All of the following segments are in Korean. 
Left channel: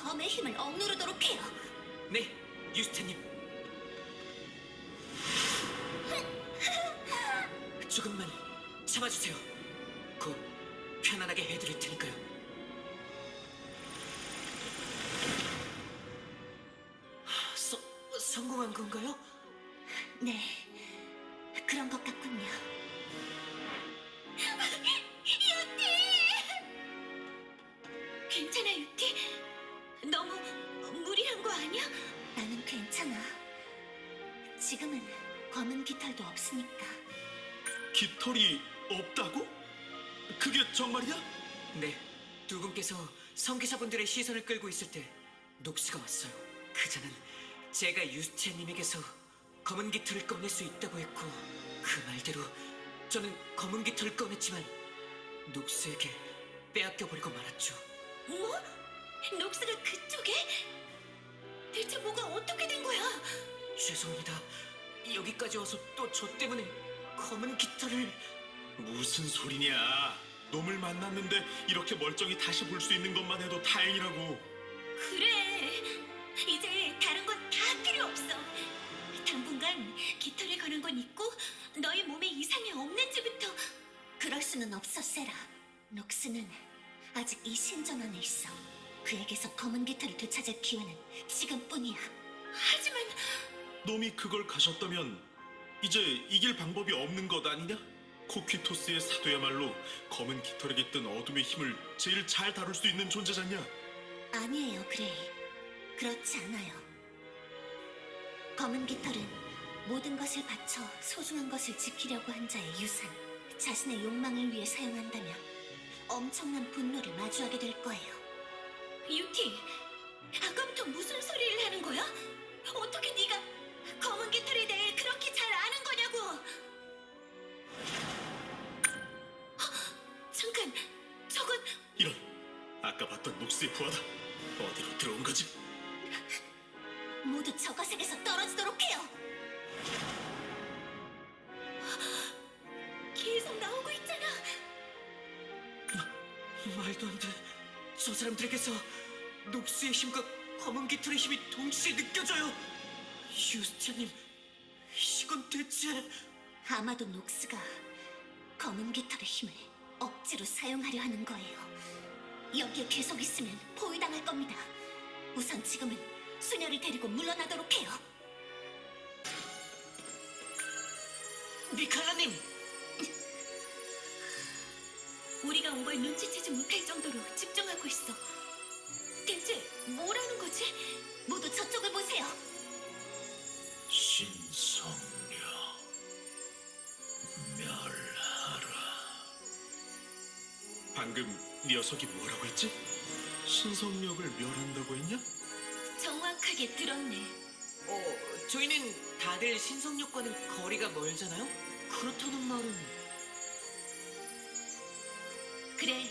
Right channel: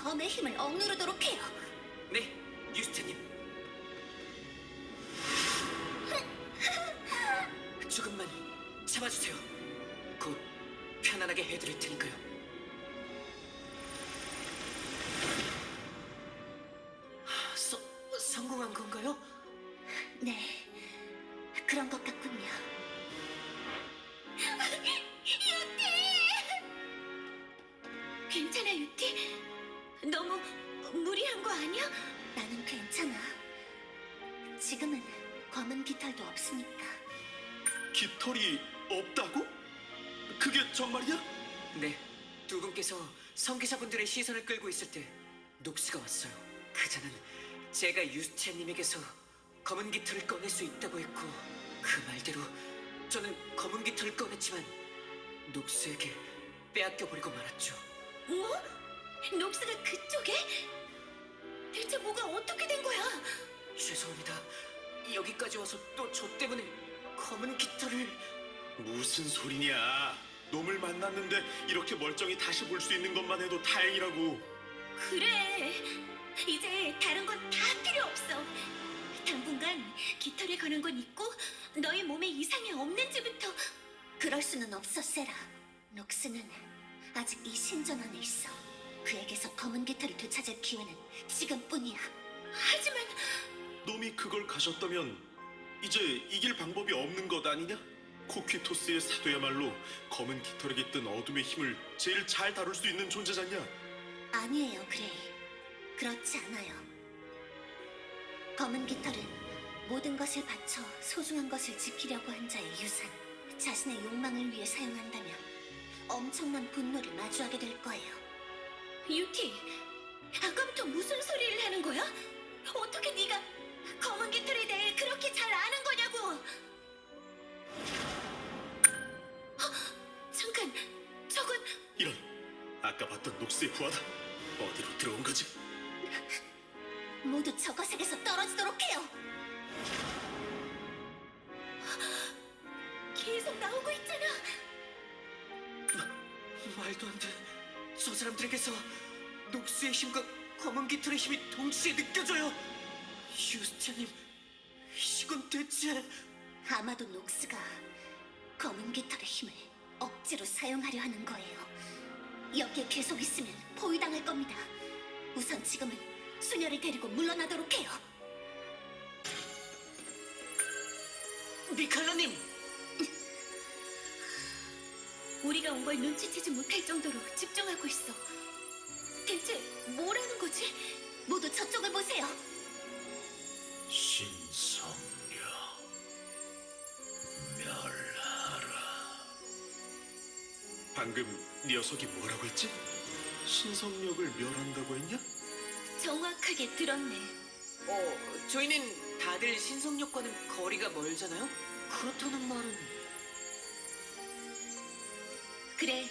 검의 힘을 억누르도록 해요. 네, 유스테님. 조금만 참아주세요. 곧 편안하게 해드릴 테니까요. 성공한 건가요? 네, 그런 것 같군요. 유티! 괜찮아, 유티? 너무 무리한 거 아니야? 나는 괜찮아. 지금은 검은 깃털도 없으니까. 깃털이 없다고? 그게 정말이야? 네, 두 분께서 성기사분들의 시선을 끌고 있을 때 녹스가 왔어요. 그자는 제가 유스티아님에게서 검은 깃털을 꺼낼 수 있다고 했고 그 말대로 저는 검은 깃털을 꺼냈지만 녹스에게 빼앗겨버리고 말았죠. 뭐? 녹스가 그쪽에? 대체 뭐가 어떻게 된 거야? 죄송합니다. 여기까지 와서 또 저 때문에 검은 깃털을... 무슨 소리냐? 놈을 만났는데 이렇게 멀쩡히 다시 볼 수 있는 것만 해도 다행이라고. 그래. 이제 다른 건 다 필요 없어. 당분간 깃털에 관한 건 있고 너의 몸에 이상이 없는지부터. 그럴 수는 없어, 세라. 녹스는 아직 이 신전 안에 있어. 그에게서 검은 깃털을 되찾을 기회는 지금뿐이야. 하지만 놈이 그걸 가졌다면 이제 이길 방법이 없는 것 아니냐? 코퀴토스의 사도야말로 검은 깃털에게 뜬 어둠의 힘을 제일 잘 다룰 수 있는 존재잖냐? 아니에요, 그레이. 그렇지 않아요. 검은 깃털은 모든 것을 바쳐 소중한 것을 지키려고 한 자의 유산, 자신의 욕망을 위해 사용한다면 엄청난 분노를 마주하게 될 거예요. 유티, 아까부터 무슨 소리를 하는 거야? 어떻게 네가 검은 깃털에 대해 그렇게 잘 아는 거냐고! 잠깐, 저건... 이런, 아까 봤던 녹스의 부하다. 어디로 들어온 거지? 모두 저거색에서 떨어지도록 해요! 계속 나오고 있잖아! 말도 안 돼. 저 사람들에게서 녹스의 힘과 검은 깃털의 힘이 동시에 느껴져요. 유스티아님, 이건 대체... 아마도 녹스가 검은 깃털의 힘을 억지로 사용하려 하는 거예요. 여기에 계속 있으면 포위당할 겁니다. 우선 지금은 소녀를 데리고 물러나도록 해요. 미칼라님! 우리가 온 걸 눈치채지 못할 정도로 집중하고 있어. 대체 뭐라는 거지? 모두 저쪽을 보세요. 신성녀 멸하라. 방금 녀석이 뭐라고 했지? 신성력을 멸한다고 했냐? 정확하게 들었네. 저희는 다들 신성력과는 거리가 멀잖아요? 그렇다는 말은... 그래,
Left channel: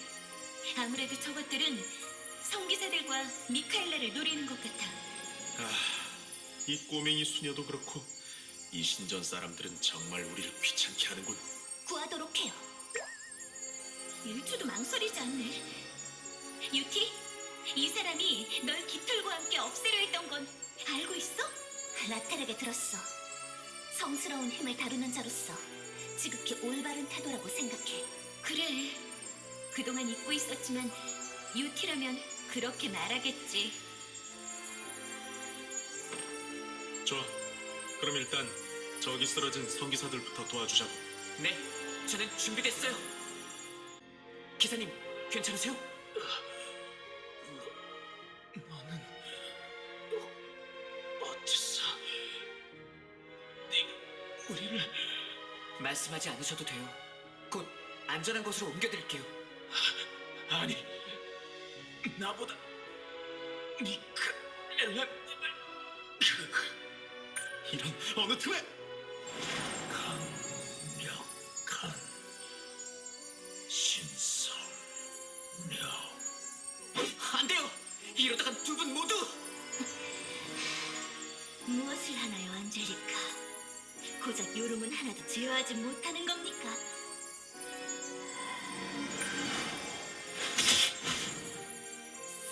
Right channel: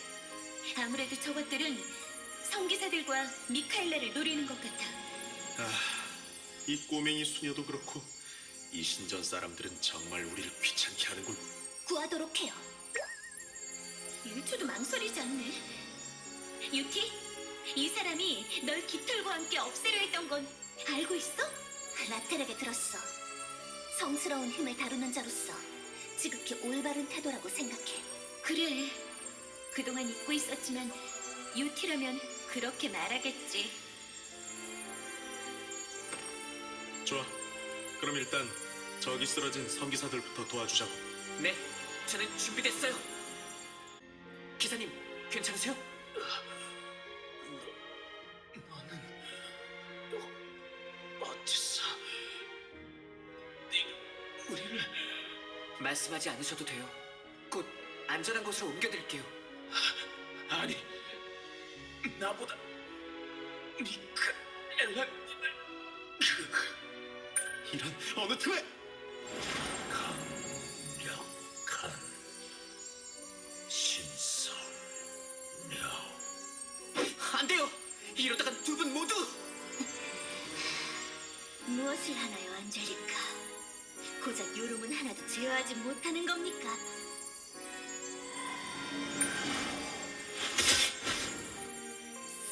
아무래도 저것들은 성기사들과 미카엘라를 노리는 것 같아. 이 꼬맹이 수녀도 그렇고 이 신전 사람들은 정말 우리를 귀찮게 하는군. 구하도록 해요. 1초도 망설이지 않네. 유티, 이 사람이 널 깃털과 함께 없애려 했던 건 알고 있어? 라텔에게 들었어. 성스러운 힘을 다루는 자로서 지극히 올바른 태도라고 생각해. 그래, 그동안 잊고 있었지만 유티라면 그렇게 말하겠지. 좋아. 그럼 일단 저기 쓰러진 성기사들부터 도와주자고. 네, 저는 준비됐어요. 기사님, 괜찮으세요? 너는 어째서 우리를... 말씀하지 않으셔도 돼요. 곧 안전한 곳으로 옮겨드릴게요. 아니, 나보다 미카엘라님을... 이런 어느 틈에... 강력한 신성력... 안 돼요! 이러다간 두 분 모두... 무엇을 하나요, 안젤리카? 고작 요름은 하나도 제어하지 못하는 겁니까?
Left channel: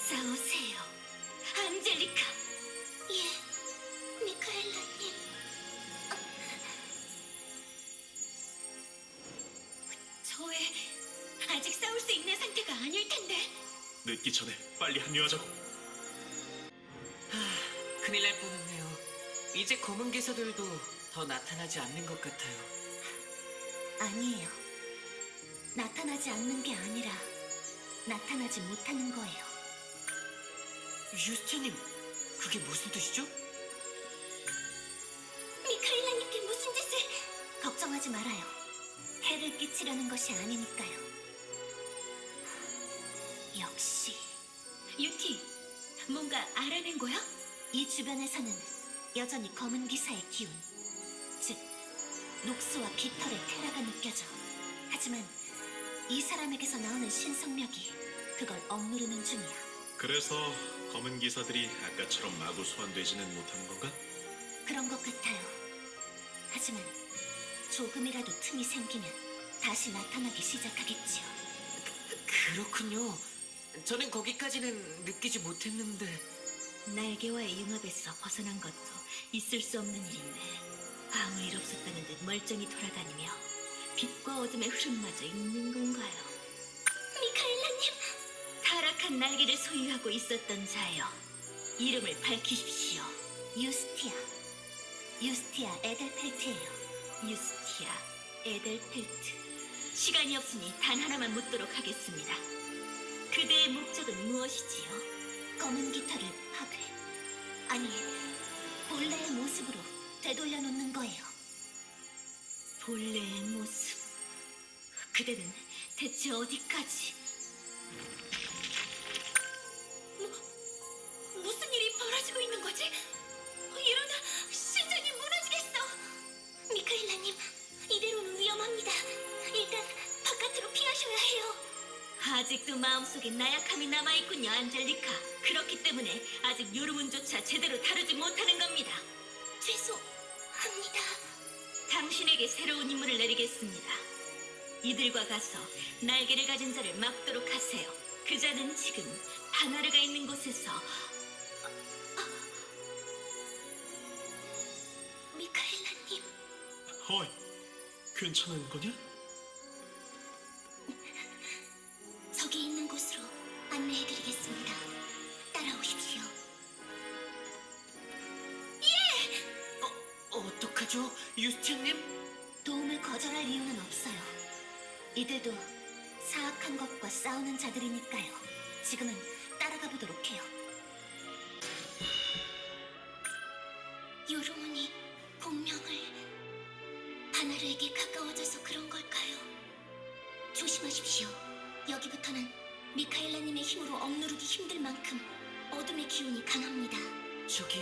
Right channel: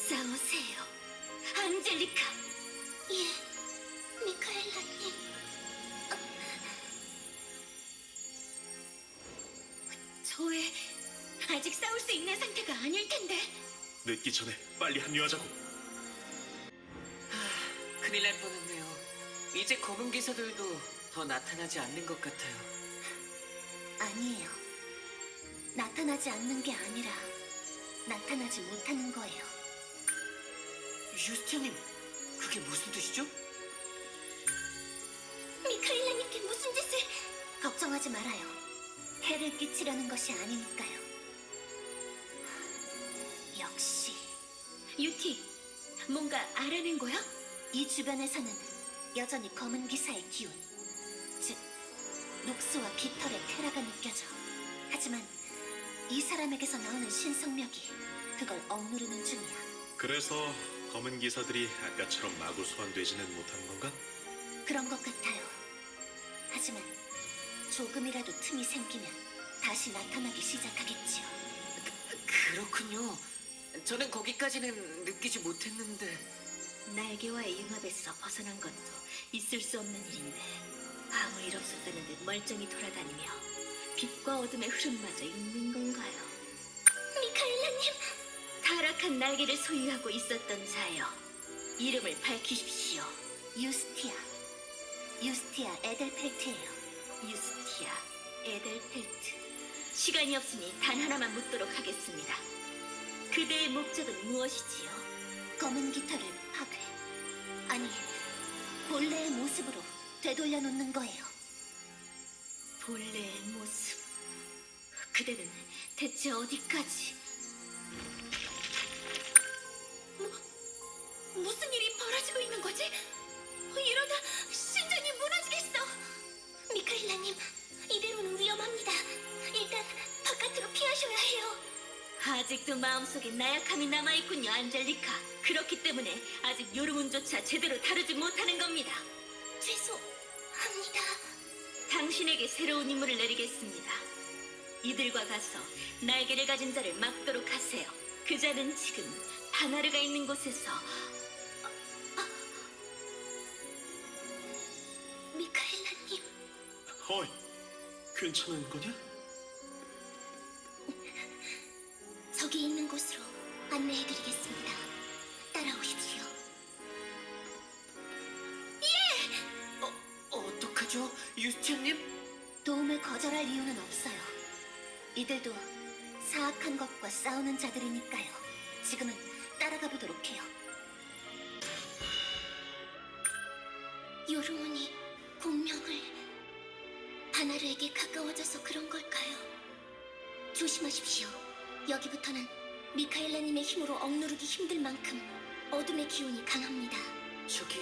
싸우세요. 늦기 전에 빨리 합류하자고. 큰일 날 뻔했네요. 이제 검은 기사들도 더 나타나지 않는 것 같아요. 아니에요. 나타나지 않는 게 아니라 나타나지 못하는 거예요. 유스티아님, 그게 무슨 뜻이죠? 미카엘라님께 무슨 짓을... 걱정하지 말아요. 해를 끼치려는 것이 아니니까요. 역시 유티, 뭔가 알아낸 거야? 이 주변에서는 여전히 검은 기사의 기운, 즉 녹스와 깃털의 테라가 느껴져. 하지만 이 사람에게서 나오는 신성력이 그걸 억누르는 중이야. 그래서 검은 기사들이 아까처럼 마구 소환되지는 못하는 건가? 그런 것 같아요. 하지만 조금이라도 틈이 생기면 다시 나타나기 시작하겠지요. 그렇군요. 저는 거기까지는 느끼지 못했는데. 날개와의 융합에서 벗어난 것도 있을 수 없는 일인데 아무 일 없었다는 듯 멀쩡히 돌아다니며 빛과 어둠의 흐름마저 있는 건가요? 미카엘라님! 타락한 날개를 소유하고 있었던 자여, 이름을 밝히십시오. 유스티아 에델펠트예요. 유스티아 에델펠트. 시간이 없으니 단 하나만 묻도록 하겠습니다. 그대의 목적은 무엇이지요? 검은 깃털을 파괴, 아니 본래의 모습으로 되돌려 놓는 거예요. 본래의 모습. 그대는 대체 어디까지? 무슨 일이 벌어지고 있는 거지? 이러다 신전이 무너지겠어. 미카엘라님, 이대로는 위험합니다. 일단 바깥으로 피하셔야 해요. 아직도 마음속에 나약함이 남아있군요, 안젤리카. 그렇기 때문에 아직 요르문조차 제대로 다루지 못하는 겁니다. 죄송합니다. 당신에게 새로운 임무를 내리겠습니다. 이들과 가서 날개를 가진 자를 막도록 하세요. 그 자는 지금 바나르가 있는 곳에서 미카엘라님, 어이, 괜찮은 거냐? 저기 있는 곳으로 안내해드리겠습니다. 따라오십시오. 어떡하죠? 유스티아님? 도움을 거절할 이유는 없어요. 이들도 사악한 것과 싸우는 자들이니까요. 지금은 따라가 보도록 해요. 요르문이 공명을 바나르에게 가까워져서 그런 걸까요? 조심하십시오. 여기부터는 미카엘라님의 힘으로 억누르기 힘들 만큼 어둠의 기운이 강합니다. 저기,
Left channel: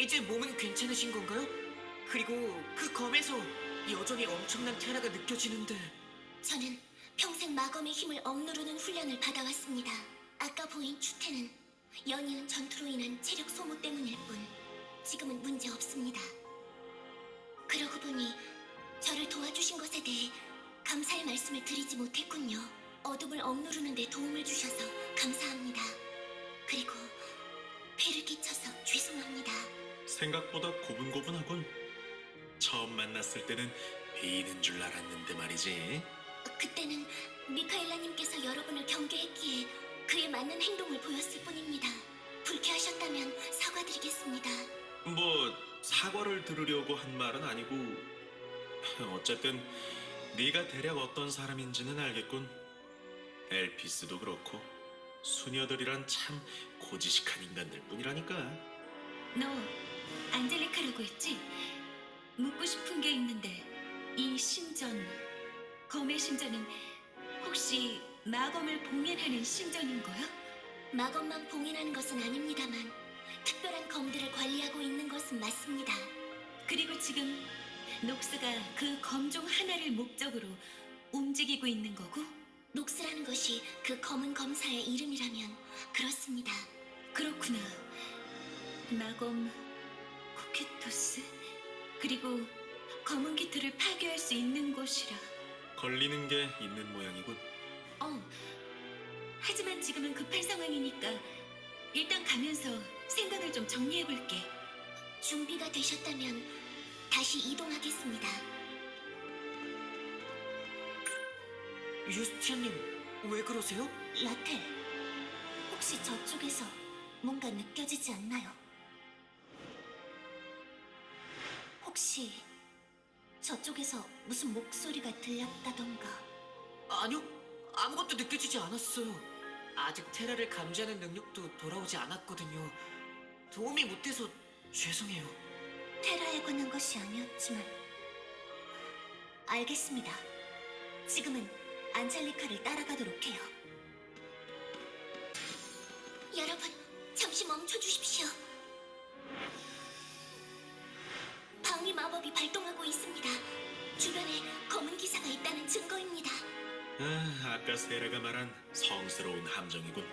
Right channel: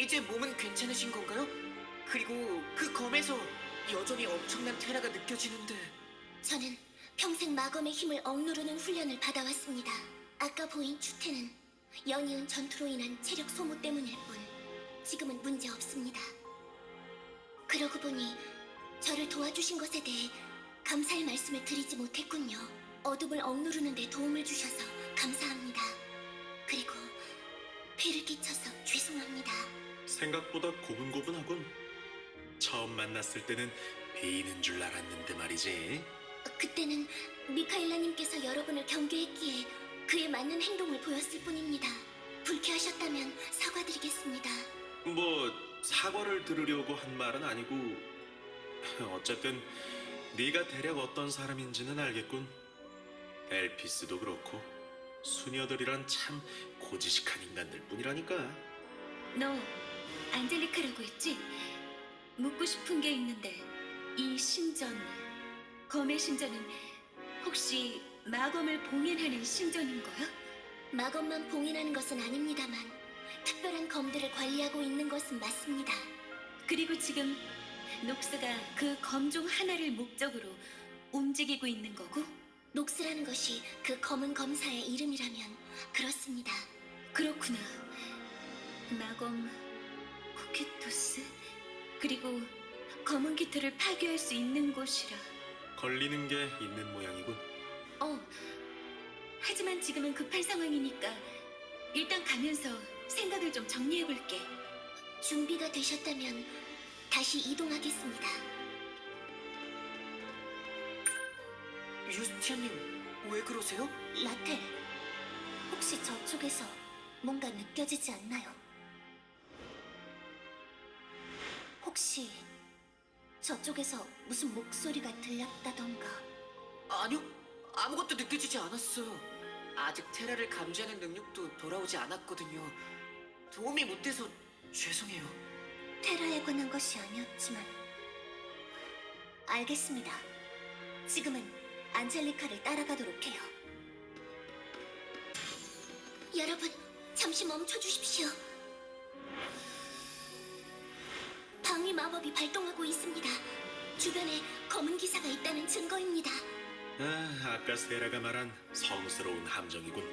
이제 몸은 괜찮으신 건가요? 그리고 그 검에서 여전히 엄청난 테라가 느껴지는데. 저는 평생 마검의 힘을 억누르는 훈련을 받아왔습니다. 아까 보인 추태는 연이은 전투로 인한 체력 소모 때문일 뿐 지금은 문제 없습니다. 그러고 보니 저를 도와주신 것에 대해 감사의 말씀을 드리지 못했군요. 어둠을 억누르는 데 도움을 주셔서 감사합니다. 그리고 폐를 끼쳐서 죄송합니다. 생각보다 고분고분하군. 처음 만났을 때는 베이는 줄 알았는데 말이지. 그때는 미카엘라님께서 여러분을 경계했기에 그에 맞는 행동을 보였을 뿐입니다. 불쾌하셨다면 사과드리겠습니다. 뭐 사과를 들으려고 한 말은 아니고, 어쨌든 네가 대략 어떤 사람인지는 알겠군. 엘피스도 그렇고 수녀들이란 참 고지식한 인간들 뿐이라니까. 너 안젤리카라고 했지? 묻고 싶은 게 있는데 이 신전, 검의 신전은 혹시 마검을 봉인하는 신전인 거야? 마검만 봉인하는 것은 아닙니다만 특별한 검들을 관리하고 있는 것은 맞습니다. 그리고 지금 녹스가 그 검 중 하나를 목적으로 움직이고 있는 거고? 녹스라는 것이 그 검은 검사의 이름이라면 그렇습니다. 그렇구나. 마검 코케토스? 그리고 검은 깃털을 파괴할 수 있는 곳이라. 걸리는 게 있는 모양이군. 하지만 지금은 급할 상황이니까 일단 가면서 생각을 좀 정리해볼게. 준비가 되셨다면 다시 이동하겠습니다. 유스티아님, 왜 그러세요? 라텔, 혹시 저쪽에서 뭔가 느껴지지 않나요? 혹시 저쪽에서 무슨 목소리가 들렸다던가. 아니요, 아무것도 느껴지지 않았어요. 아직 테라를 감지하는 능력도 돌아오지 않았거든요. 도움이 못 돼서 죄송해요. 테라에 관한 것이 아니었지만 알겠습니다. 지금은 안젤리카를 따라가도록 해요. 여러분, 잠시 멈춰 주십시오. 방위 마법이 발동하고 있습니다. 주변에 검은 기사가 있다는 증거입니다. 아까 세라가 말한 성스러운 함정이군.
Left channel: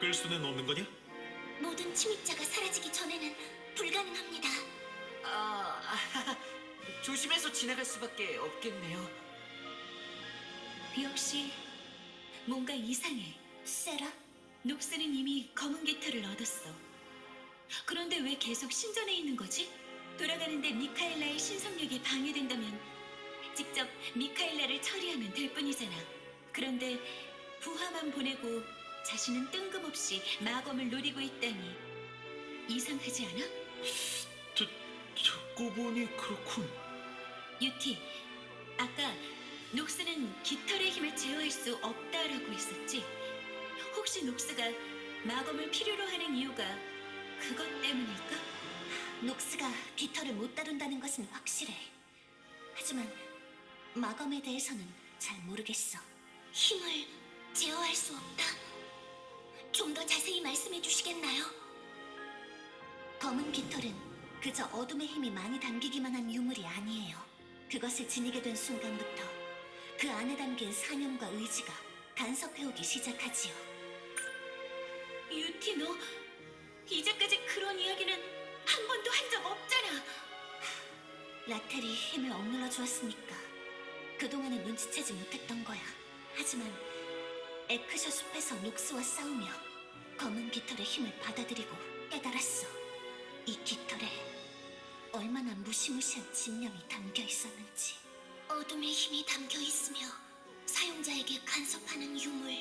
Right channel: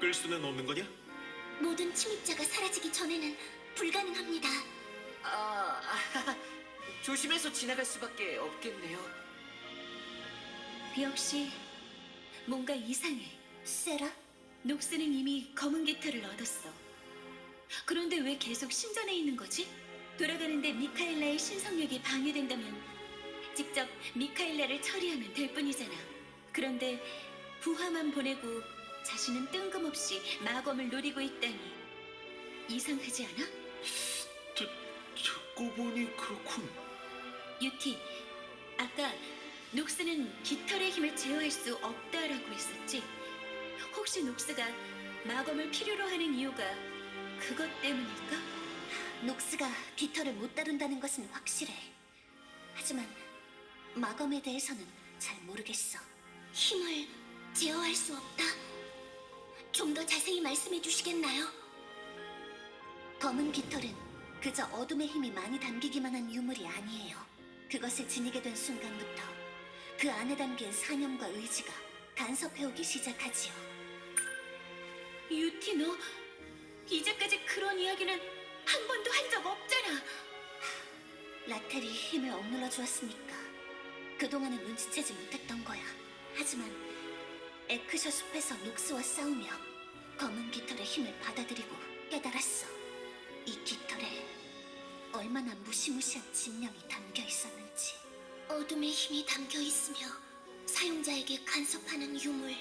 끌 수는 없는 거냐? 모든 침입자가 사라지기 전에는 불가능합니다. 조심해서 지나갈 수밖에 없겠네요. 역시 뭔가 이상해. 세라? 녹스는 이미 검은 깃털을 얻었어. 그런데 왜 계속 신전에 있는 거지? 돌아가는데 미카엘라의 신성력이 방해된다면 직접 미카엘라를 처리하면 될 뿐이잖아. 그런데 부하만 보내고 자신은 뜬금없이 마검을 노리고 있다니 이상하지 않아? 듣고 보니 그렇군. 유티, 아까 녹스는 깃털의 힘을 제어할 수 없다라고 했었지? 혹시 녹스가 마검을 필요로 하는 이유가 그것 때문일까? 녹스가 깃털을 못 다룬다는 것은 확실해. 하지만 마검에 대해서는 잘 모르겠어. 힘을 제어할 수 없다? 좀 더 자세히 말씀해 주시겠나요? 검은 깃털은 그저 어둠의 힘이 많이 담기기만 한 유물이 아니에요. 그것을 지니게 된 순간부터 그 안에 담긴 사념과 의지가 간섭해오기 시작하지요. 유티, 너 이제까지 그런 이야기는 한 번도 한 적 없잖아. 라텔이 힘을 억눌러 주었으니까 그동안은 눈치채지 못했던 거야. 하지만 에크셔 숲에서 녹스와 싸우며 검은 깃털의 힘을 받아들이고 깨달았어. 이 깃털에 얼마나 무시무시한 진영이 담겨 있었는지. 어둠의 힘이 담겨 있으며 사용자에게 간섭하는 유물.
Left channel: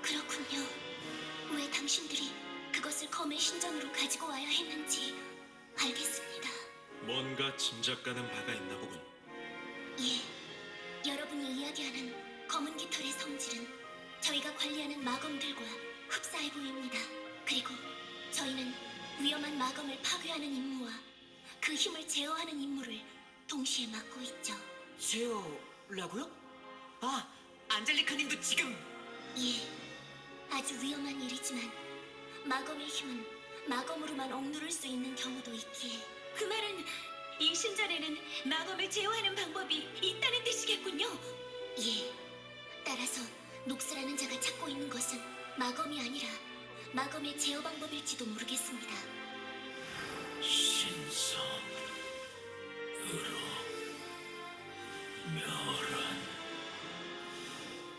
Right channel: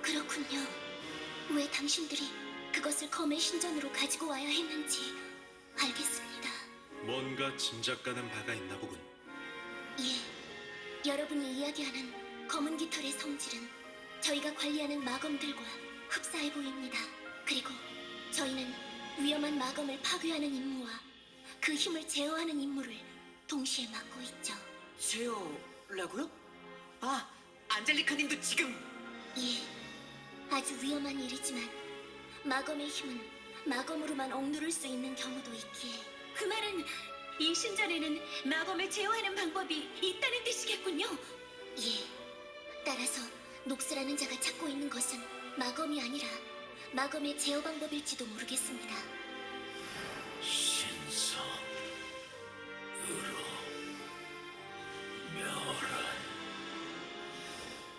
그렇군요. 왜 당신들이 그것을 검의 신전으로 가지고 와야 했는지 알겠습니다. 뭔가 짐작 가는 바가 있나 보군. 예, 여러분이 이야기하는 검은 깃털의 성질은 저희가 관리하는 마검들과 흡사해 보입니다. 그리고 저희는 위험한 마검을 파괴하는 임무와 그 힘을 제어하는 임무를 동시에 맡고 있죠. 제어라고요? 안젤리카님도 지금... 예, 아주 위험한 일이지만 마검의 힘은 마검으로만 억누를 수 있는 경우도 있기에. 그 말은 이 신전에는 마검을 제어하는 방법이 있다는 뜻이겠군요. 예, 따라서 녹스라는 자가 찾고 있는 것은 마검이 아니라 마검의 제어 방법일지도 모르겠습니다. 신성, 으로, 멸한.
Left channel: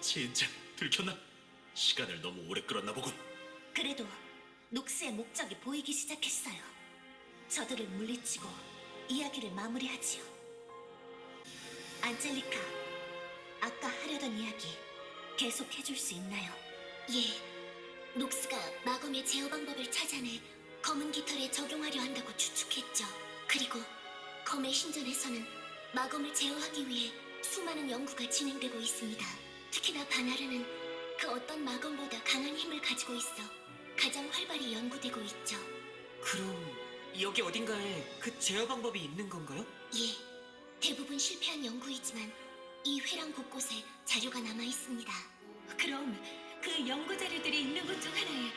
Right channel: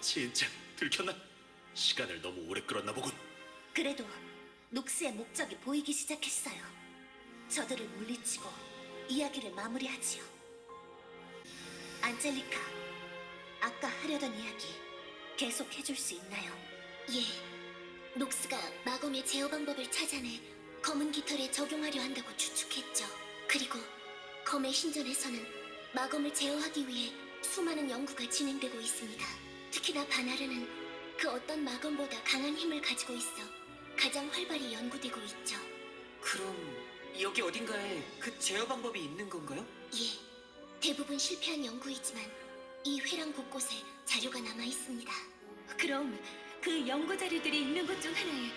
진짜 들켰나? 시간을 너무 오래 끌었나 보군. 그래도 녹스의 목적이 보이기 시작했어요. 저들을 물리치고 이야기를 마무리하지요. 안젤리카, 아까 하려던 이야기 계속 해줄 수 있나요? 예, 녹스가 마검의 제어 방법을 찾아내 검은 깃털에 적용하려 한다고 추측했죠. 그리고 검의 신전에서는 마검을 제어하기 위해 수많은 연구가 진행되고 있습니다. 특히나 바나르는 그 어떤 마검보다 강한 힘을 가지고 있어 가장 활발히 연구되고 있죠. 그럼 여기 어딘가에 그 제어 방법이 있는 건가요? 예, 대부분 실패한 연구이지만 이 회랑 곳곳에 자료가 남아 있습니다. 그럼 그 연구 자료들이 있는 곳 중 하나에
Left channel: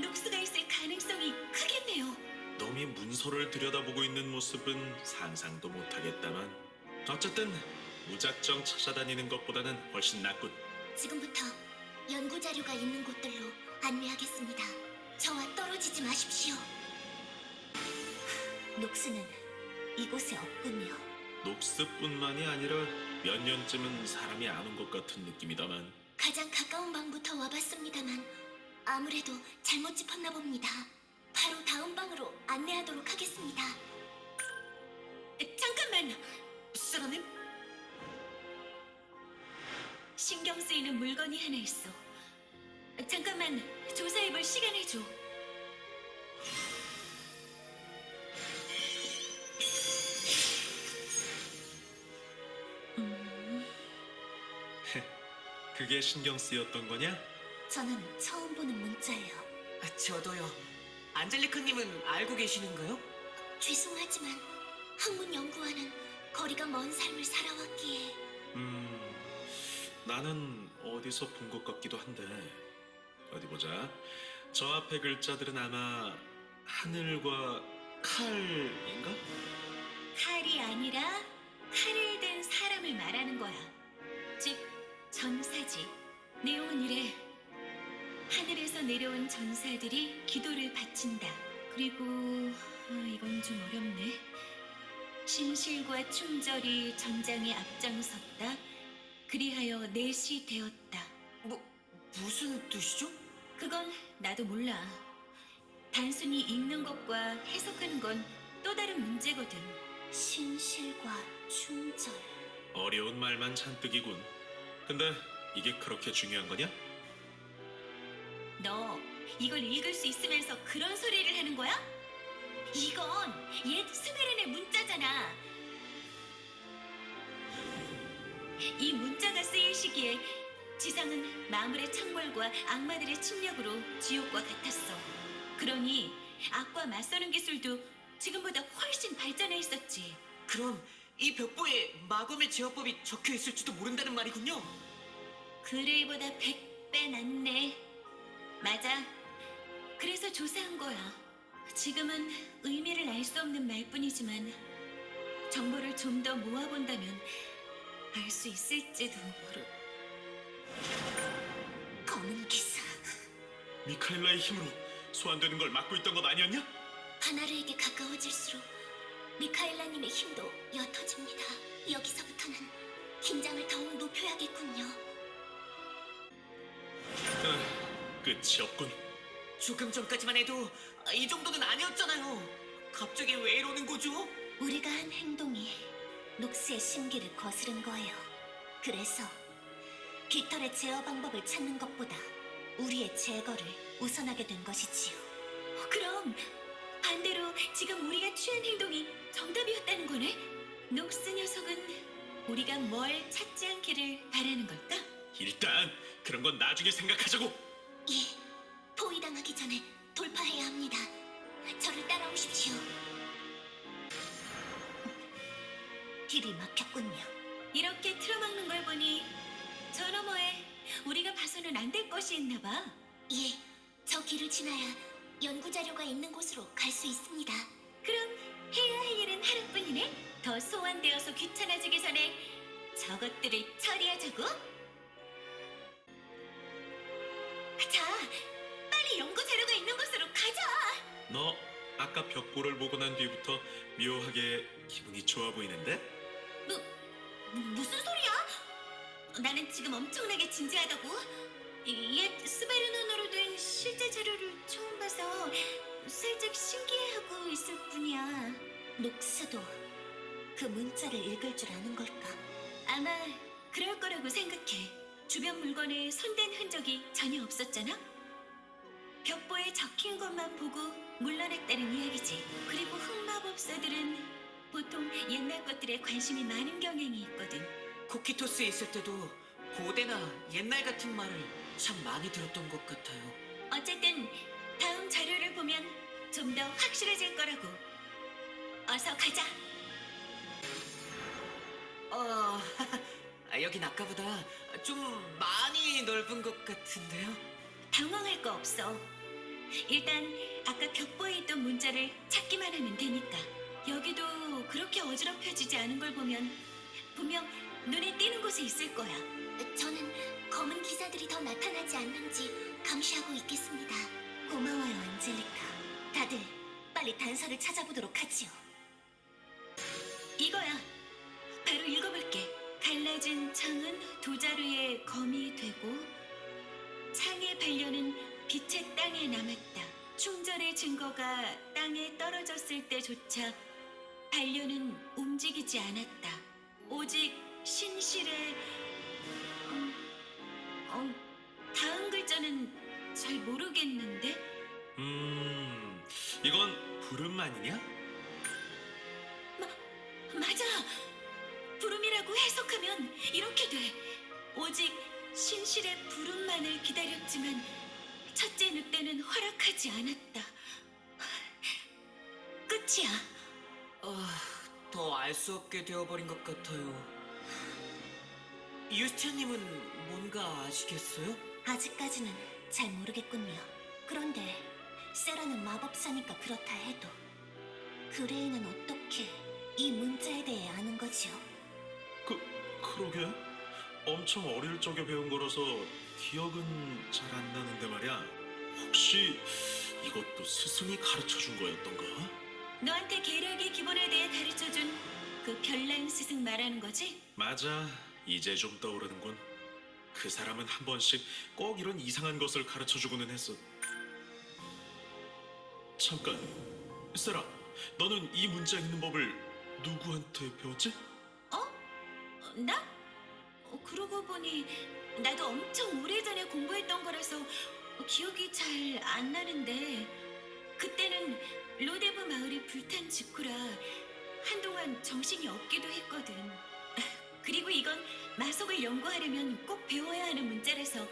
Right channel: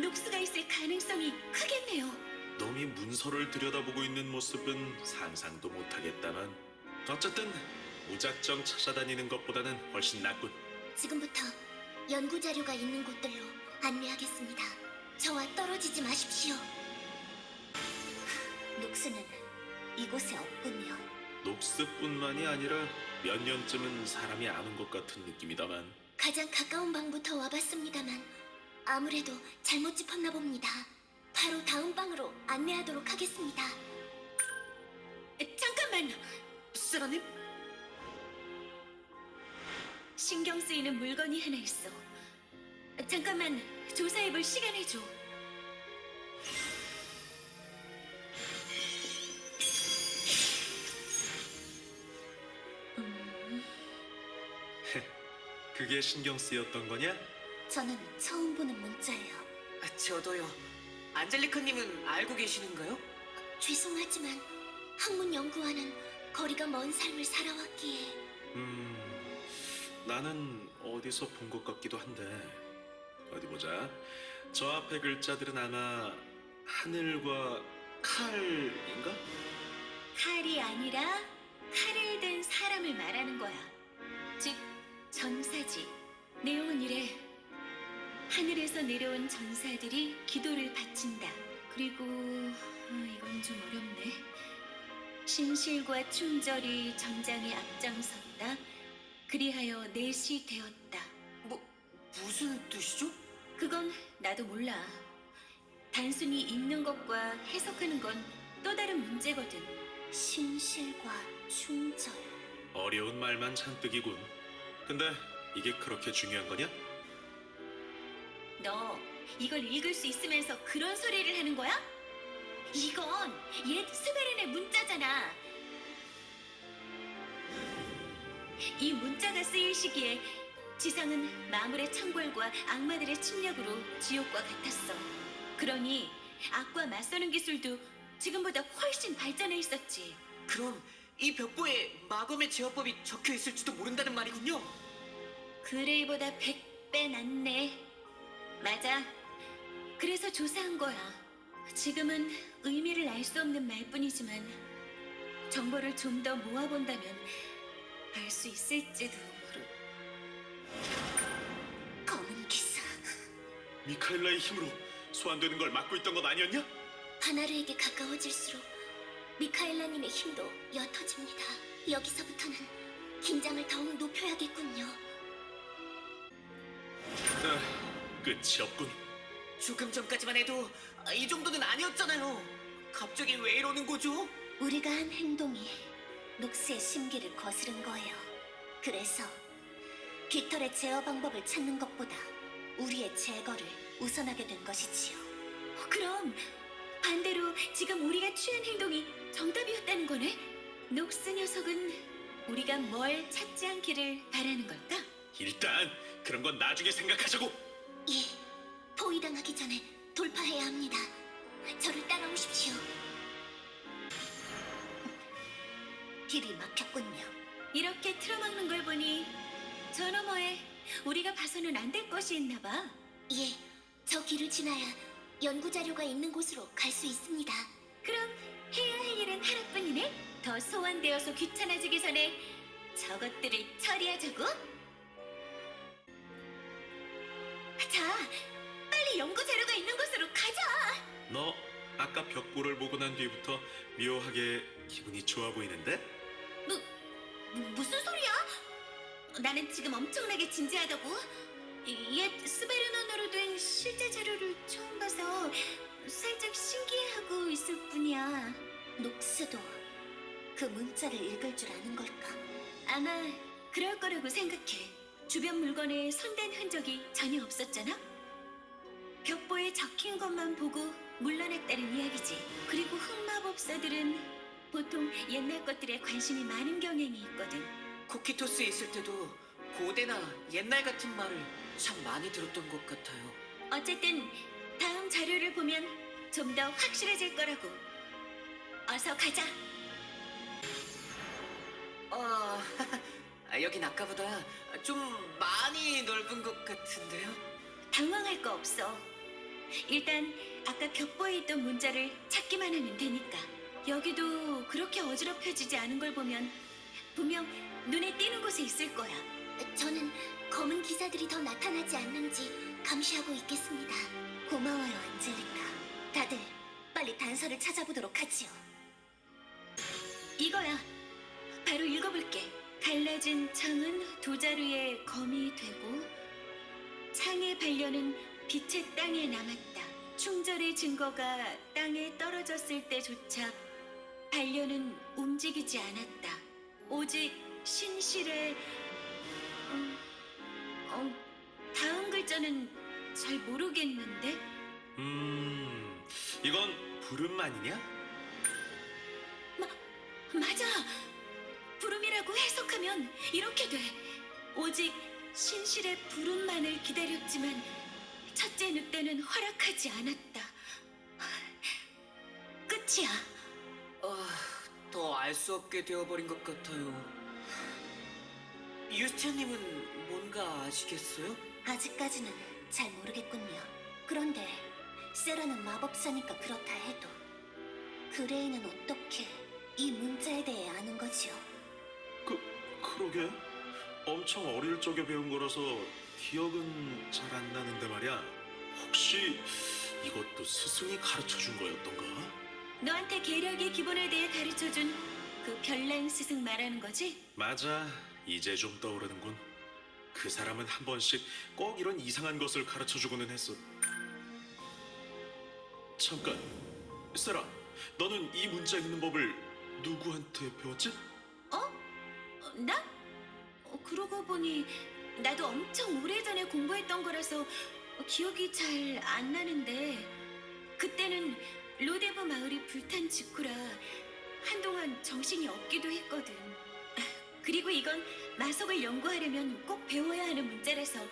녹스가 있을 가능성이 크겠네요. 놈이 문서를 들여다보고 있는 모습은 상상도 못하겠다만 어쨌든 무작정 찾아다니는 것보다는 훨씬 낫군. 지금부터 연구 자료가 있는 곳들로 안내하겠습니다. 저와 떨어지지 마십시오. 녹스는 이곳에 없군요. 녹스뿐만이 아니라 몇 년쯤은 사람이 안 온 것 같은 느낌이다만. 가장 가까운 방부터 와봤습니다만 아무래도 잘못 짚었나 봅니다. 바로 다음 방으로 안내하도록 하겠습니다. 잠깐만! 세라님? 신경 쓰이는 물건이 하나 있어. 잠깐만 조사해볼 시간을 줘. 그게 신경 쓰였던 거냐? 저는 처음 보는 문자예요. 저도요. 안젤리카님은 알고 계시는가요? 죄송하지만 학문 연구와는 거리가 먼 삶을 살아왔기에 나는 어디서 본 것 같기도 한데 어디 보자. 저 앞에 글자들은 아마 하늘과 칼인가? 칼이 아니라 칼을 든 사람을 말하는 거야. 즉 전사지. 내용은 이래. 하늘에서 내려온 전사들이 기도를 바친다. 그리고 이건 좀 어렵네. 신실과 충절이 전장에 앞장섰다. 그리하여 넷이 되었다. 무슨 뜻이죠? 그건 나도 몰라. 단순히 읽는 것과 해석하는 건 또 다른 문제거든. 신실과 충절. 어려운 말만 잔뜩이군. 근데 이게 그렇게 중요한 거냐? 너 이걸 읽을 수 있으면서 그런 소리를 하는 거야? 이건 옛 스메른의 문자잖아. 이 문자가 쓰일 시기에 지상은 마물의 창궐과 악마들의 침략으로 지옥과 같았어. 그러니 악과 맞서는 기술도 지금보다 훨씬 발전해 있었지. 그럼 이 벽보에 마검의 제어법이 적혀 있을지도 모른다는 말이군요. 그레이보다 100배 낫네. 맞아. 그래서 조사한 거야. 지금은 의미를 알 수 없는 말뿐이지만 정보를 좀 더 모아본다면 알 수 있을지도 모르. 검은 기사. 미카엘라의 힘으로 소환되는 걸 막고 있던 것 아니었냐? 바나르에게 가까워질수록 미카엘라님의 힘도 옅어집니다. 여기서부터는 긴장을 더욱 높여야겠군요. 끝이 없군. 조금 전까지만 해도 이 정도는 아니었잖아요. 갑자기 왜 이러는 거죠? 우리가 한 행동이 녹스의 심기를 거스른 거예요. 그래서 깃털의 제어 방법을 찾는 것보다 우리의 제거를 우선하게 된 것이지요. 그럼 반대로 지금 우리가 취한 행동이 정답이었다는 거네? 녹스 녀석은 우리가 뭘 찾지 않기를 바라는 걸까? 일단 그런 건 나중에 생각하자고. 예, 포위당하기 전에 돌파해야 합니다. 저를 따라오십시오. 길이 막혔군요. 이렇게 틀어박는 걸 보니 저 너머에 우리가 봐서는 안 될 것이 있나 봐. 예, 저 길을 지나야 연구 자료가 있는 곳으로 갈 수 있습니다. 그럼 해야 할 일은 하나뿐이네? 더 소환되어서 귀찮아지기 전에 저것들을 처리하자고? 자, 빨리 연구 자료가 있는 곳으로 가자! 너 아까 벽보를 보고 난 뒤부터 묘하게 기분이 좋아 보이는데? 무슨 소리야? 나는 지금 엄청나게 진지하다고? 옛 스베르논으로 된 실제 자료를 처음 봐서 살짝 신기해하고 있을 뿐이야. 녹스도 그 문자를 읽을 줄 아는 걸까? 아마 그럴 거라고 생각해. 주변 물건에 손댄 흔적이 전혀 없었잖아? 벽보에 적힌 것만 보고 물러났다는 이야기지. 그리고 흑마법사들은 보통 옛날 것들에 관심이 많은 경향이 있거든. 코키토스에 있을 때도 고대나 옛날 같은 말을 참 많이 들었던 것 같아요. 어쨌든 다음 자료를 보면 좀 더 확실해질 거라고. 어서 가자. 여긴 아까보다 좀 많이 넓은 것 같은데요? 당황할 거 없어. 일단 아까 벽보에 있던 문자를 찾기만 하면 되니까. 여기도 그렇게 어지럽혀지지 않은 걸 보면 분명 눈에 띄는 곳에 있을 거야. 저는 검은 기사들이 더 나타나지 않는지 감시하고 있겠습니다. 고마워요, 안젤리카. 다들 빨리 단서를 찾아보도록 하지요. 이거야. 바로 읽어볼게. 갈라진 창은 두 자루의 검이 되고 창의 반려는 빛의 땅에 남았다. 충절의 증거가 땅에 떨어졌을 때조차 반려는 움직이지 않았다. 오직 신실의 다음 글자는 잘 모르겠는데. 이건 부름만이냐? 맞아. 부름이라고 해석하면 이렇게 돼. 오직 신실의 부름만을 기다렸지만 첫째 늑대는 허락하지 않았다. 끝이야. 더 알 수 없게 되어버린 것 같아요. 유스티아님은 뭔가 아시겠어요? 아직까지는 잘 모르겠군요. 그런데 세라는 마법사니까 그렇다 해도 그레이는 어떻게 이 문자에 대해 아는 거지요? 그러게. 엄청 어릴 적에 배운 거라서 기억은 잘 안 나는데 말이야. 혹시 이것도 스승이 가르쳐준 거였던가? 너한테 계략의 기본에 대해 가르쳐준 그 별난 스승 말하는 거지? 맞아. 이제 좀 떠오르는군. 그 사람은 한 번씩 꼭 이런 이상한 것을 가르쳐주고는 했어. 잠깐, 세라, 너는 이 문자 읽는 법을 누구한테 배웠지? 나? 그러고 보니 나도 엄청 오래전에 공부했던 거라서 기억이 잘 안 나는데 그때는 로데브 마을이 불탄 직후라 한동안 정신이 없기도 했거든. 그리고 이건 마석을 연구하려면 꼭 배워야 하는 문자라서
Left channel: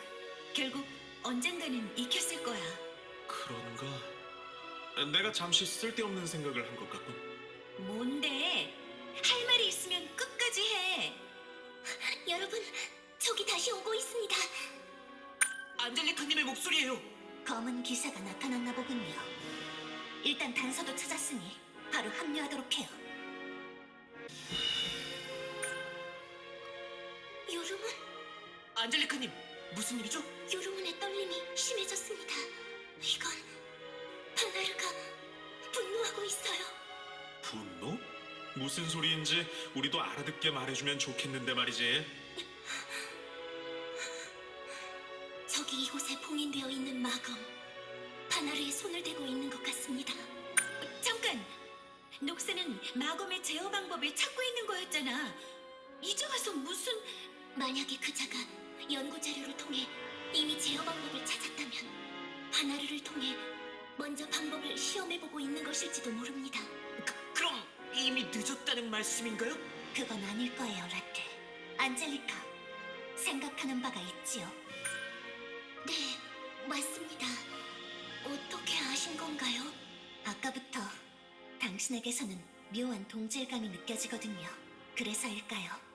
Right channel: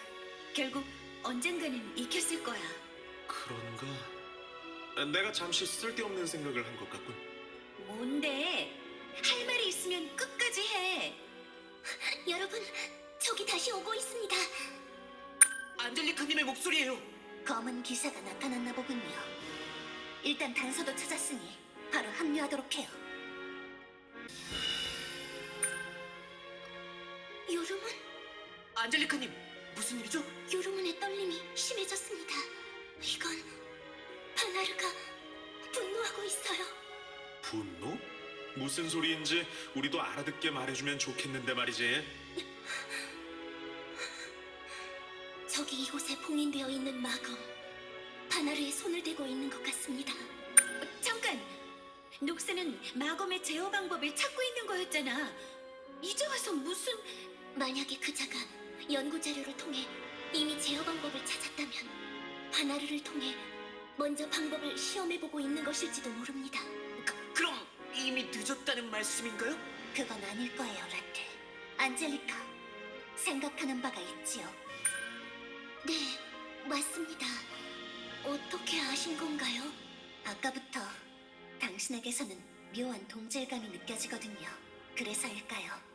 결국 언젠가는 익혔을 거야. 그런가? 내가 잠시 쓸데없는 생각을 한 것 같군. 뭔데? 할 말이 있으면 끝까지 해. 여러분, 저기 다시 오고 있습니다. 안젤리카님의 목소리예요. 검은 기사가 나타났나 보군요. 일단 단서도 찾았으니 바로 합류하도록 해요. 요르문? 안젤리카님, 무슨 일이죠? 요르문의 떨림이 심해졌습니다. 이건 바나르가 분노하고 있어요. 분노? 무슨 소리인지 우리도 알아듣게 말해주면 좋겠는데 말이지. 저기 이곳에 봉인되어 있는 마검 바나르에 손을 대고 있는 것 같습니다. 잠깐! 녹스는 마검의 제어 방법을 찾고 있는 거였잖아. 이제 와서 무슨... 만약에 그자가 연구 자료를 통해 이미 제어 방법을 찾았다면 바나르를 통해 먼저 방법을 시험해보고 있는 것일지도 모릅니다. 그럼 이미 늦었다는 말씀인가요? 그건 아닐 거예요, 라테. 안젤리카, 생각하는 바가 있지요? 네, 맞습니다. 어떻게 아신 건가요? 아까부터 당신에게서는 묘한 동질감이 느껴지거든요. 그래서일까요?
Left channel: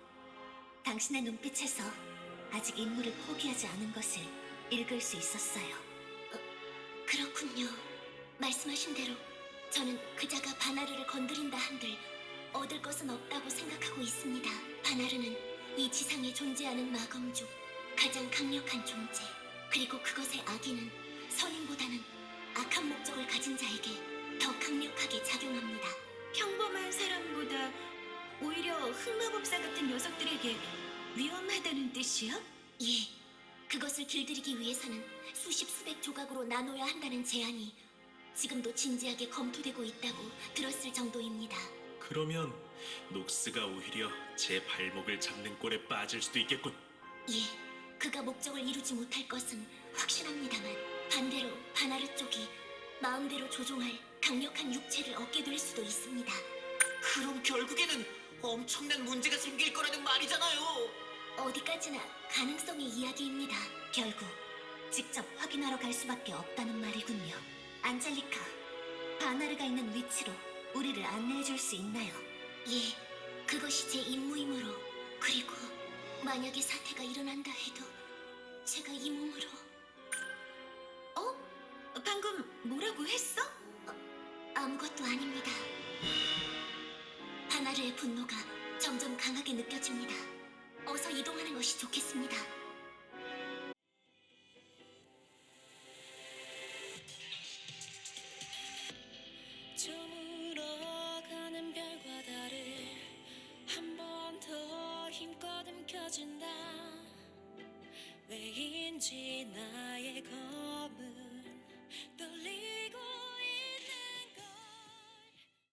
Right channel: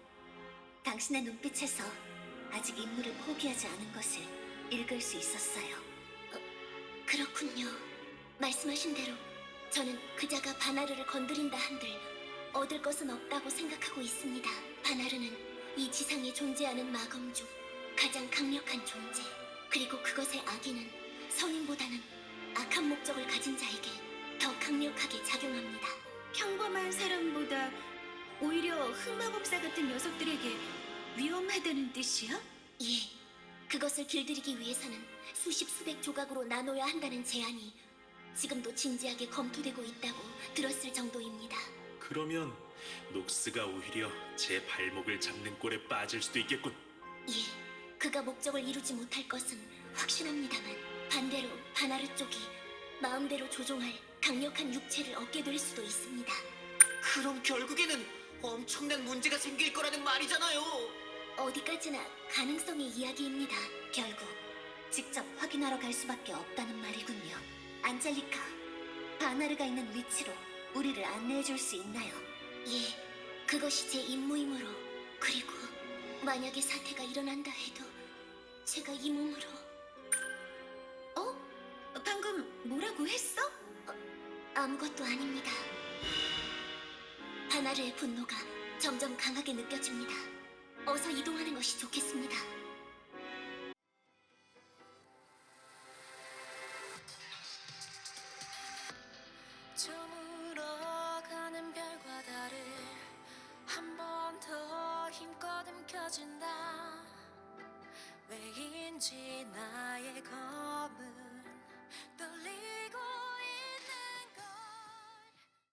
당신의 눈빛에서 아직 임무를 포기하지 않은 것을 읽을 수 있었어요. 그렇군요. 말씀하신 대로 저는 그자가 바나르를 건드린다 한들 얻을 것은 없다고 생각하고 있습니다. 바나르는 이 지상에 존재하는 마검 중 가장 강력한 존재. 그리고 그것의 악의는 선인보다는 악한 목적을 가진 자에게 더 강력하게 작용합니다. 평범한 사람보다 오히려 흑마법사 같은 녀석들에게 위험하다는 뜻이야? 예, 그것을 길들이기 위해서는 수십 수백 조각으로 나눠야 한다는 제안이 지금도 진지하게 검토되고 있다고 들었을 정도입니다. 그러면 녹스가 오히려 제 발목을 잡는 꼴에 빠질 수도 있겠군. 예, 그가 목적을 이루지 못할 것은 확실합니다만 반대로 바나르 쪽이 마음대로 조종할 강력한 육체를 얻게 될 수도 있습니다. 그럼 결국에는 엄청난 문제가 생길 거라는 말이잖아요. 어디까지나 가능성의 이야기입니다. 결국 직접 확인하러 갈 수밖에 없다는 말이군요. 안젤리카, 바나르가 있는 위치로 우리를 안내해 줄 수 있나요? 예, 그것이 제 임무이므로. 그리고 만약에 사태가 일어난다 해도 제가 이 몸으로... 방금 뭐라고 했어? 아무것도 아닙니다. 바나르의 분노가 점점 강하게 느껴집니다. 어서 이동하는 것이 좋겠습니다. 저물어가는 별과 달을 한 번 더 힘껏 움켜쥔다. 왜인지 나의 건